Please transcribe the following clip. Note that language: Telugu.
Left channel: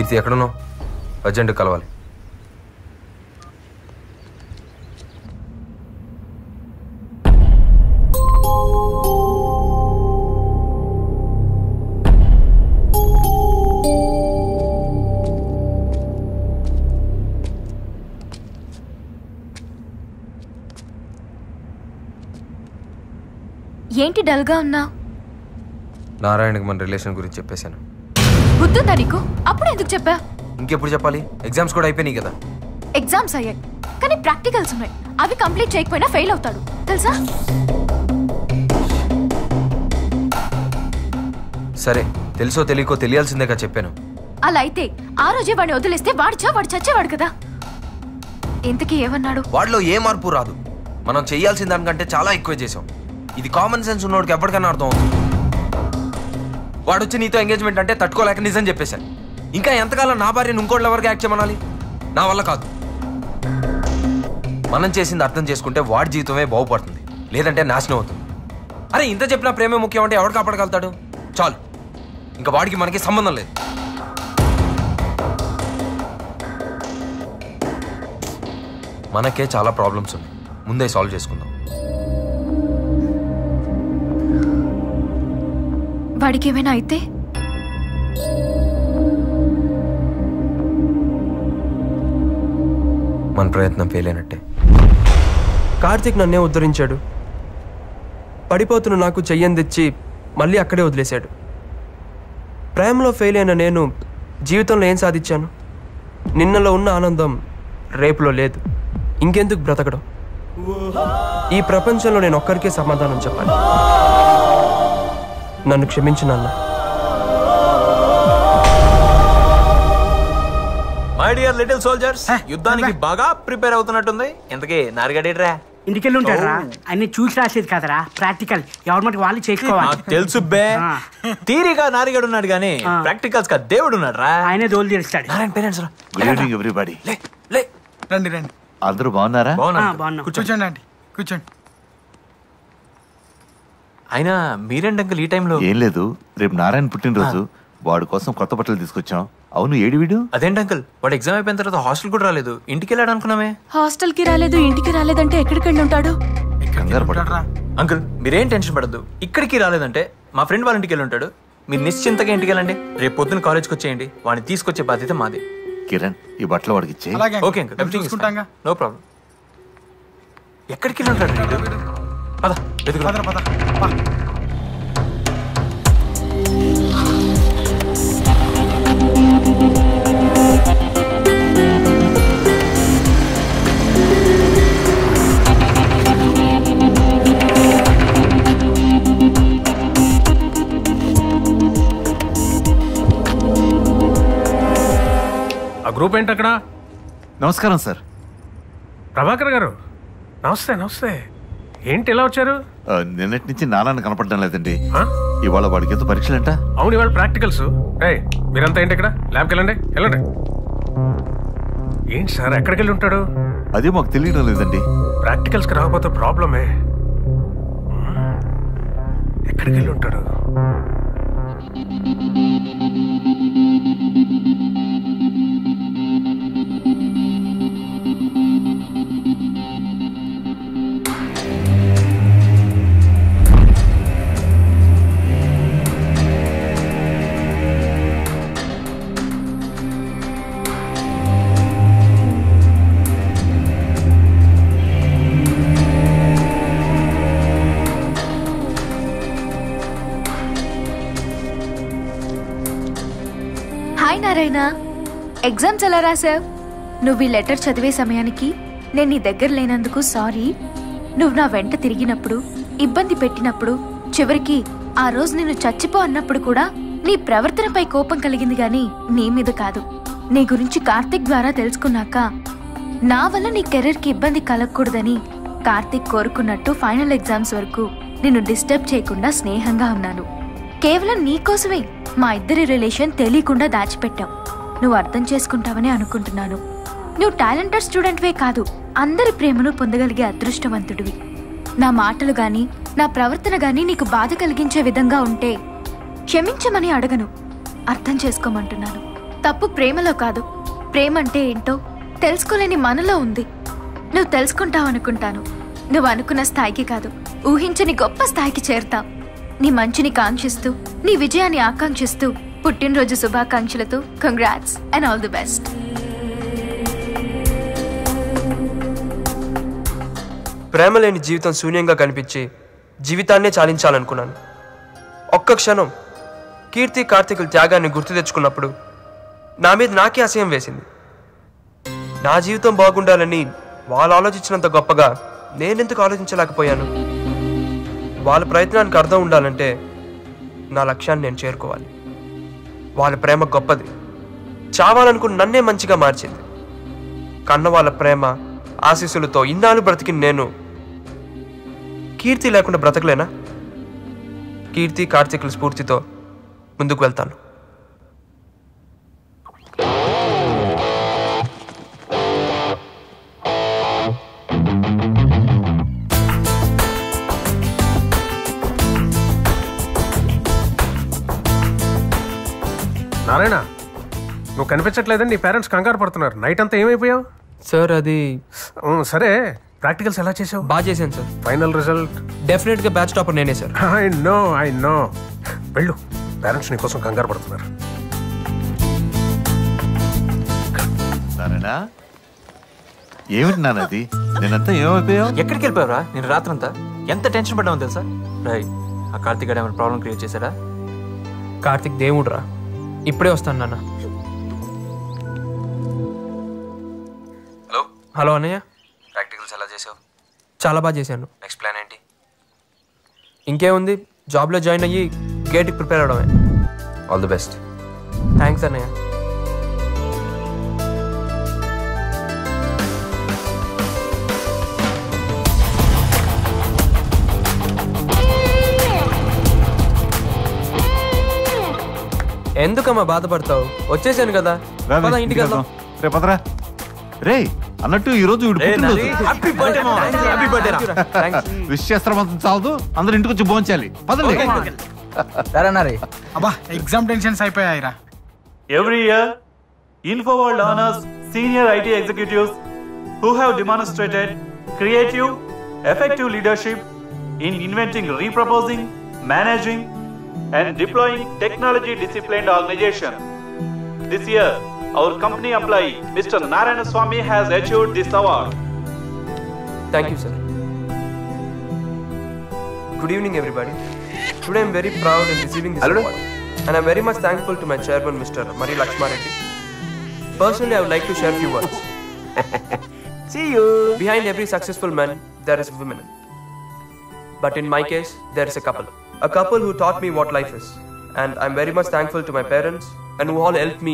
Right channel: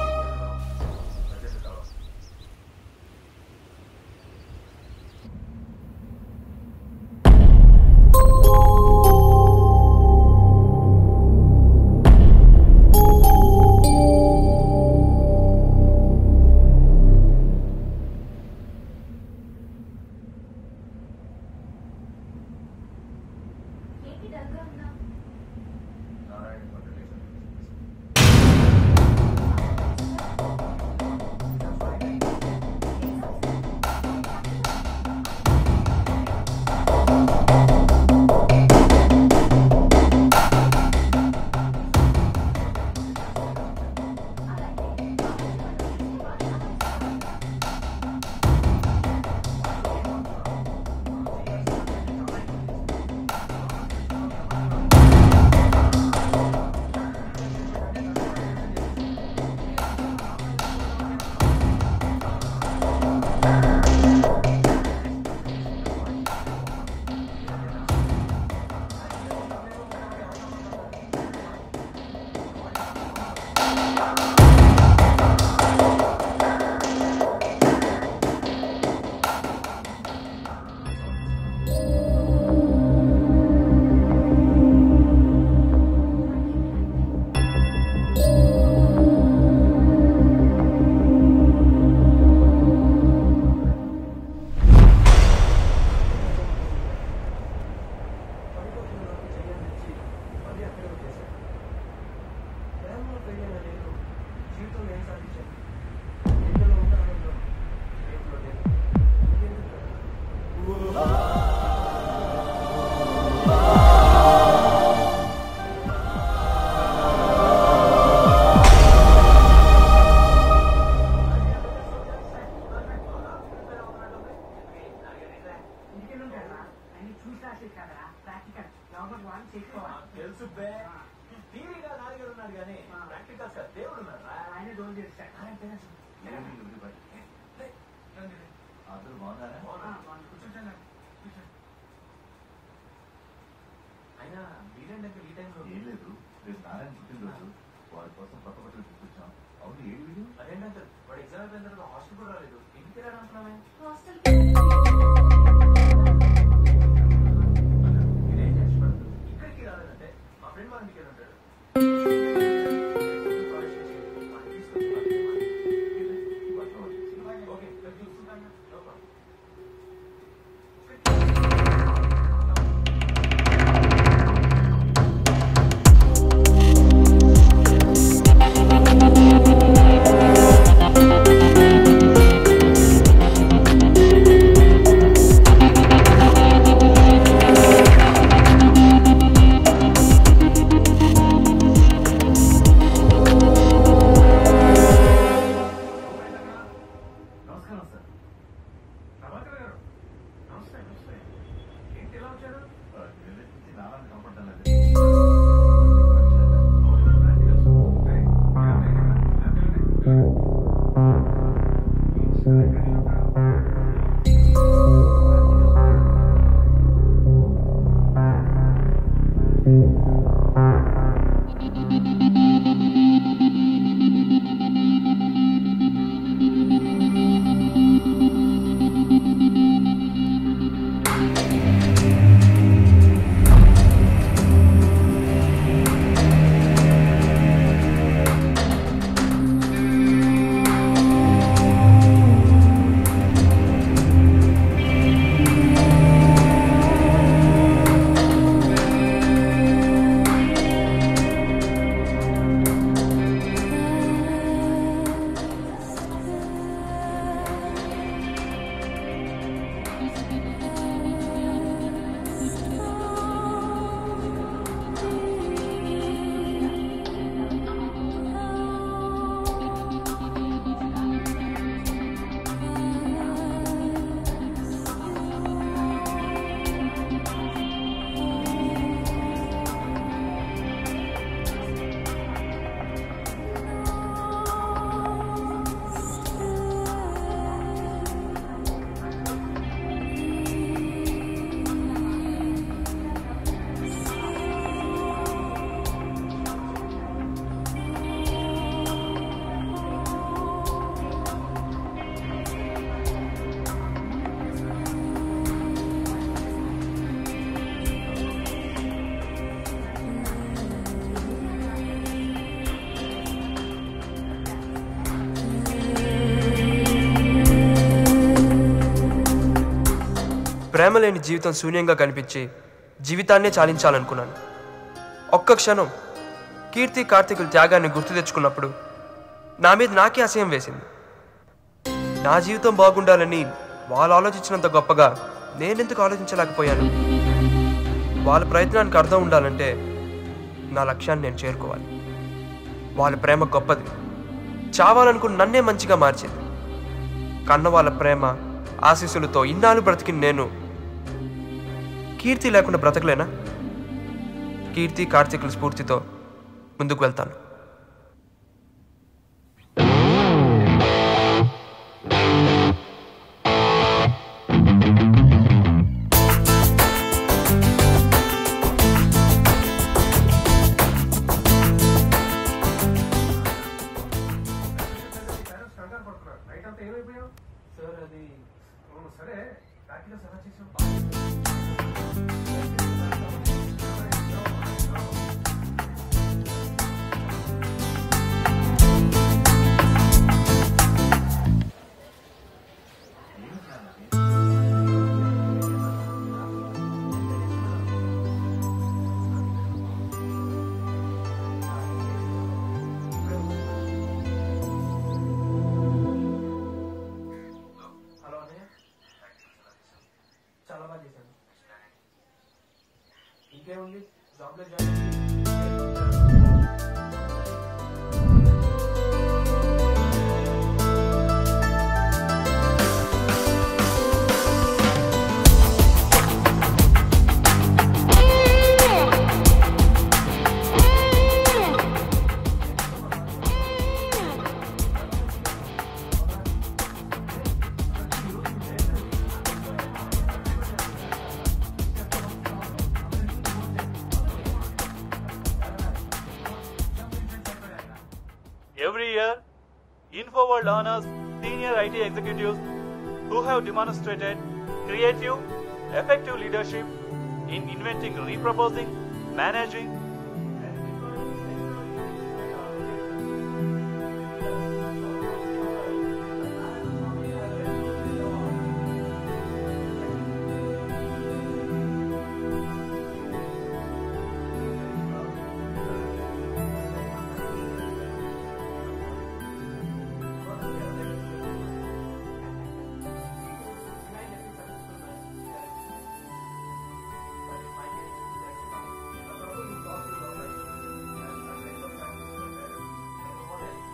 కీర్తి ఎక్కడున్నావు? అర్జెంట్ కలవాలి. ఏంటి డల్గా ఉన్నా? నారాయణకి మన రిలేషన్ గురించి చెప్పేశాను. గుర్తుందా నీకు? అప్పుడు ఎందుకు చెప్పా? ఇంకెప్పుడు చెప్పాలి? ఎగ్జామ్స్ కూడా అయిపోయినాయి కదా. ఎగ్జామ్స్ అయ్యాయి కానీ ప్రాక్టికల్స్ ఉన్నాయి. అవి కంప్లీట్ చేయకపోయినా ఫెయిల్ అవుతాను తెలుసా? సరే, తెలుసో తెలియకో తెలియాల్సిందేగా చెప్పాను. అలా అయితే ఆ రోజే వాడిని వదిలేస్తే వాడు చచ్చేవాడు కదా. ఇంతకీ ఏమన్నాడు? వాడిలో ఏ మార్పు రాదు. మనం చేయాల్సిన దానికంటే చాలా ఎక్కువ చేసాం. ఇది కామన్ సెన్స్ ఉన్నోడికి ఎప్పటికైనా అర్థం అవుతుంది. వాడు వచ్చి నీతో ఎంగేజ్మెంట్ అంటే తట్టుకోలేక నిజం చెప్పేశాను. ఇంకా ఎంతకాలం నా భార్యను ఇంకోళ్ళ వరకు యాక్ట్ చేయమనాలి? నా వల్ల కాదు. మనం చేసింది అర్థం చేసుకుంటే వాడి జీవితమే బాగుపడుతుంది, లేదంటే నాశనం అవుతుంది. అరే ఇంత చెప్పినా ప్రేమే ముఖ్యం అంటే ఎవడు కాపాడగలుగుతాడు? చాలు, ఇంకా వాడికి మనకి సంబంధం లేదు. మనకే చాలా ప్రాబ్లమ్స్ ఉన్నాయి, ముందే సాల్వ్ చేసుకుందాం. వాడికి ఏమైనా అయితే మన ప్రయత్నం ఫెయిల్ అయినట్టే. కార్తీక్ నన్నే ఉద్ధరించాడు. పడిపోతున్న నాకు చెయ్యని తెచ్చి మళ్ళీ అక్కడే వదిలేశాడు. ప్రేమలో ఫెయిల్ అయిన నేను జీవితంలో ఏం సాధించాను? నిన్నలో ఉన్న ఆనందం రేపులో లేదు. ఇంకెందుకు బ్రతకడం? ఈ ప్రపంచంలో నేను ఒక్కరికే సమాధానం చెప్పాలి. నన్ను క్షమించు నాన్న. మై డియర్ లిటిల్ సోల్జర్స్, యుద్ధానికి బాగా ప్రిపేర్ అవుతున్నట్టుంది. ఇంతకీ నారిగడేట్రా? ఇంటికెళ్ళి ఉంటారా? అన్ని చూసి రాసేది కదరా, ప్రాక్టికల్. ఎవరి మటుకు వాళ్ళు చేసుకోవాలి. తెలుసు బే, థియరీగా నారిగడు ఉన్నాడు కానీ ప్రాక్టికల్స్ గా దేవుడు ఉన్నాడు రా. ఆయనే దోలు తీరుస్తాడు. నారాయణ పేరెంట్స్ రా. Good evening everybody. రండి రండి. అందరూ బాగున్నారా? బాగున్నాం. కూర్చోండి అండి, కూర్చోండి. అయినా మీరేంటి అంకుల్ ఈ టైంలో? ఏం లేదు, రేపు నారాయణ పుట్టినరోజు, వాడి కోసం కొత్త బట్టలు తీసుకొచ్చాం. అవును, ఏడి వీడు? అదేంటి అంకుల్, వాడు ఎగ్జామ్ అయిపోయిన తర్వాత హాస్టల్ కూడా రాలేదు, ఇంటికి వెళ్ళాడు అనుకున్నామే. హాస్టల్ కి రాలేదు, ఇంటికి రాలేదంటే ఎక్కడికి వెళ్ళి ఉంటాడు? అంకుల్ మీరేం టెన్షన్ పడద్దు, ఇక్కడికి రాలేదంటే మా ఫ్రెండ్ వాళ్ళ ఇంటికి వెళ్ళి ఉంటాడు. మీరు నిశ్చింతగా ఇంటికి వెళ్ళండి. రేపు పొద్దున్న కాలేజ్కి వచ్చేయండి, వాడిని తీసుకొచ్చే బాధ్యత మాది. కిరణ్, ఈ బట్టలు వాడికి ఇచ్చే. Okay uncle, everything no problem. ఎక్కడికి వెళ్ళి ఉంటాడు? పద గ్రూప్ ఏంటి అక్కడ? నమస్కారం సార్. ప్రభాకర్ గారు నమస్తే. నమస్తే. ఏంటి ఎలా వచ్చారు? నిన్నటి నుంచి నాన్న కనపడడం లేదండి. ఇవాళ వాడికి ఎంత పరీక్షలంట? అవును, ఇవాళ ప్రాక్టికల్స్. మీరంతా ఏంటి ఇక్కడ? ల్యాబ్కి వెళ్ళండి. ఏంటి సార్, ఎక్కడికి వెళ్ళి ఉంటాడు? అదే మాకు తెలియడం లేదండి. ప్రాక్టికల్స్కి రాకపోతే ప్రాబ్లమే. ఎక్కడికి వెళ్ళి ఉంటాడు? ఎగ్జామ్స్ ఎలా రాసావు? నువ్వు ఈ లెటర్ చదివే సమయానికి నేను నీ దగ్గర లేనందుకు సారీ. నువ్వు నా వెంట తిరిగినప్పుడు, ఇబ్బంది పెట్టినప్పుడు, చివరికి ఆ రోజు నేను చచ్చిపో అన్నప్పుడు కూడా నీ ప్రవర్తనపై కోపం కలిగింది గాని నీ మీద కాదు. నీ గురించి కార్తీక్ ద్వారా తెలుసుకున్నాక నా వల్ల నీ కెరీర్కి ఇబ్బంది కలగకూడదని కార్తీక్ కోరుకున్నట్టు ఫైనల్ ఎగ్జామ్స్ వరకు నిన్ను డిస్టర్బ్ చేయకుండా స్నేహంగా ఉన్నాను. కేవలం నీకోసమే మా ఇద్దరి రిలేషన్ తెలియకుండా దాచిపెట్టాం. నువ్వు అర్థం చేసుకుంటావని అనుకుంటున్నాను. నువ్వు టాలెంటెడ్ స్టూడెంట్వే కాదు, అందరి ప్రేమను పొందగలిగే అదృష్టవంతుడివి. నా మాటలు గాని నా ప్రవర్తన గాని నీకు బాధ కలిగించే విధంగా ఉంటే క్షమించమని అడగను, అర్థం చేసుకోమంటున్నాను. తప్పు ప్రేమలో కాదు. ప్రేమ అంటే ఏంటో తెలుసుకోలేని మనలో ఉంది. నువ్వు తెలుసుకుంటావు అనుకుంటాను. నువ్వు అనుకున్న స్థాయికి కాదు, ఊహించని గొప్ప స్థాయికి చేరుతావు. నీ మంచిని కాంక్షిస్తూ, నీ విజయాన్ని ఆకాంక్షిస్తూ, పుట్టినరోజు శుభాకాంక్షలతో congrats and all the best. ప్రేమ లేని జీవితం శూన్యంగా కనిపించి జీవితాన్నే చాలించాలనుకున్నాను. ఒక్క క్షణం కీర్తి కార్తీకుల త్యాగాన్ని గుర్తు తెచ్చుకున్నప్పుడు నా మీద నాకే అసహ్యం వేసింది. నా జీవితం బాగుండాలని వాళ్ళు ఆలోచించినంత గొప్పగా నేనెందుకు ఆలోచించలేకపోయాను? వాళ్ళ ప్రయత్నానికి అర్థం ఉండాలంటే నా లక్ష్యాన్ని నేను చేరుకోవాలి. వాళ్ళ ప్రేమ గొప్పది, చావాలనుకుని నన్నే మంచిగా మార్చింది. కన్న వాళ్ళ ప్రేమ ఆశీస్సులతో ఇన్నాళ్ళు బ్రతికిన నేను కీర్తి లేకుండా బ్రతకలేనా? కీర్తి కార్తీకుల స్ఫూర్తితో ముందుకు వెళ్తాను. నారాయణ, నువ్వు కనిపించట్లేదని నీ పేరెంట్స్ కంగారు పడుతున్నారు. నైట్ అంతా ఏమైపోయావు? సార్ అది సరే, ప్రాక్టికల్స్ ఎలా చేసావు? బాగా చేశాను సార్. Final result? డెఫినెట్గా బ్యాచ్ టాపర్ నేనే సార్. ఐ నో వెళ్ళు, పేరెంట్స్ నీ కోసం కంగారు పడుతున్నారు. సరేనా? ఏమిటి నాన్న అది? నేనంతా ఏమైపోయావు? ఎక్కడికి వెళ్ళిపోయావరా? నేను రాత్రంతా ఎంత టెన్షన్ పడ్డామో తెలుసా? రై, ఆ కార్తీక్ గారు ఏమైనా ప్రాబ్లం క్రియేట్ చేశాడా? కార్తీక్ దేవుడు రా, ఇప్పుడే వస్తాను నాన్న. హలో హలో అన్నయ్య, ప్రాక్టికల్స్ ఎలా చేసావు? చాలా బాగా చేశాను. నెక్స్ట్ ప్లాన్ ఏంటి? ఇంకేముంది, జాబ్లో జాయిన్ అయ్యి గేట్కి ప్రిపేర్ అవడమే. All the best. థ్యాంక్స్ అన్నయ్య. ఎందుకమ్మా బాధపడతావు? వచ్చేసాను కదా, పద ఇంటికి వెళ్దాం. రేపదరా. రే అన్నట్టు ఈ రోజు విష్ చేస్తాం చాలదు, అందరూ ఇంటికి వచ్చి భోంచాలి. పదండి. అబ్బా ఎగ్జామ్ టెన్షన్స్ అయిపోయాయిరా. Every year, InfoWorld honors senior IT executives who have demonstrated creative, effective leadership in inventing, reproposing, managing, and deploying technology-disciplined organization. This year, our company employee, Mr. Narayana Swamy, has achieved this award. Thank you, sir. Good evening, everybody. Today, I'm very proud in receiving this award, and I'm very much thankful to my chairman, Mr. Mari Lakshma Reddy. Personally, I would like to share a few words. See you. Behind every successful man, there is a woman. But in my case, there is a couple who taught me what life is. And I'm very much thankful to my parents and who all helped me